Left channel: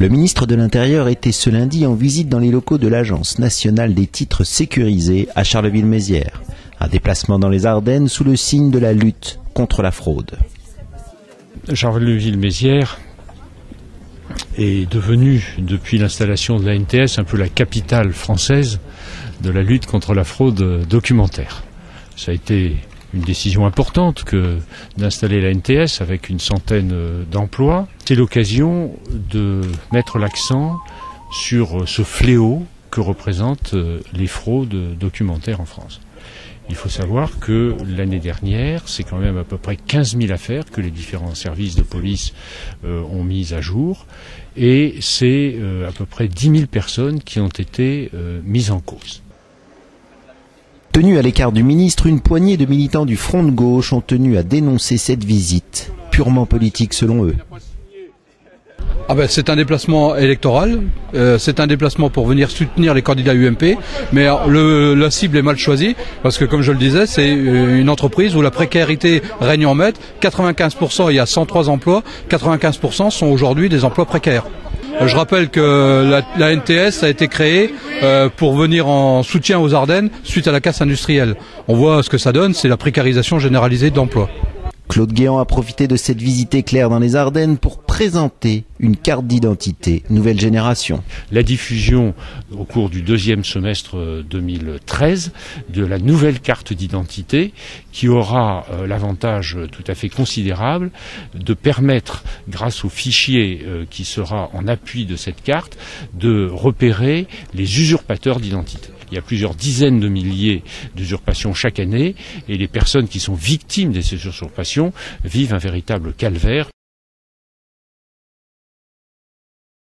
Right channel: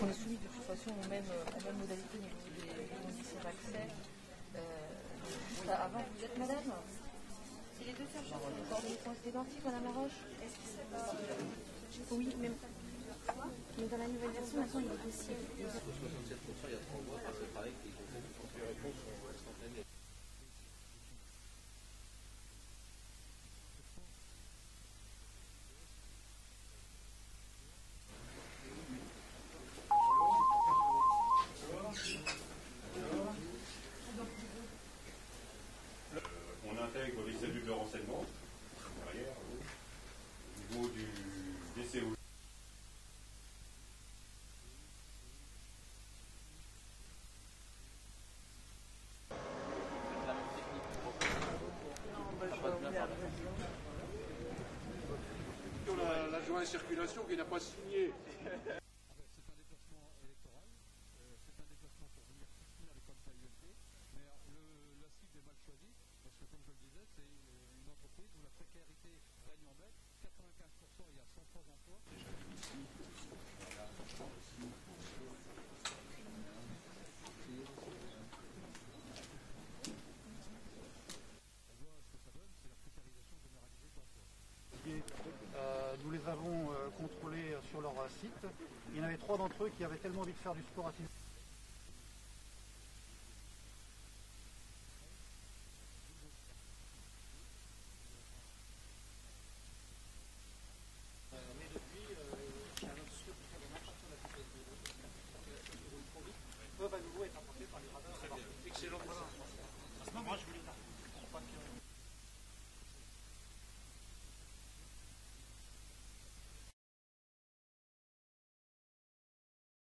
Le ministre de l'Intérieur était ce lundi en visite dans les locaux de l'Agence nationale des titres sécurisés à Charleville-Mézières. Un déplacement dans les Ardennes sous le signe de la lutte contre la fraude. Charleville-Mézières est devenue, depuis l'installation de l'ANTS, un peu la capitale française de la lutte contre la fraude documentaire. Ça a été une décision importante que d'installer l'ANTS avec une centaine d'emplois. C'est l'occasion de mettre l'accent sur ce fléau que représentent les fraudes documentaires en France. Il faut savoir que l'année dernière, c'est quand même à peu près 15 000 affaires que les différents services de police ont mises à jour. Et c'est à peu près 10 000 personnes qui ont été mises en cause. Tenus à l'écart du ministre, une poignée de militants du Front de gauche ont tenu à dénoncer cette visite, purement politique selon eux. C'est un déplacement électoral, c'est un déplacement pour venir soutenir les candidats UMP, mais la cible est mal choisie, parce que comme je le disais, c'est une entreprise où la précarité règne en maître. 95%, il y a 103 emplois, 95% sont aujourd'hui des emplois précaires. Je rappelle que la NTS a été créée pour venir en soutien aux Ardennes suite à la casse industrielle. On voit ce que ça donne, c'est la précarisation généralisée d'emploi. Claude Guéant a profité de cette visite éclair dans les Ardennes pour présenter une carte d'identité nouvelle génération. La diffusion au cours du deuxième semestre 2013 de la nouvelle carte d'identité qui aura l'avantage tout à fait considérable de permettre, grâce au fichier qui sera en appui de cette carte, de repérer les usurpateurs d'identité. Il y a plusieurs dizaines de milliers d'usurpations chaque année et les personnes qui sont victimes de ces usurpations vivent un véritable calvaire.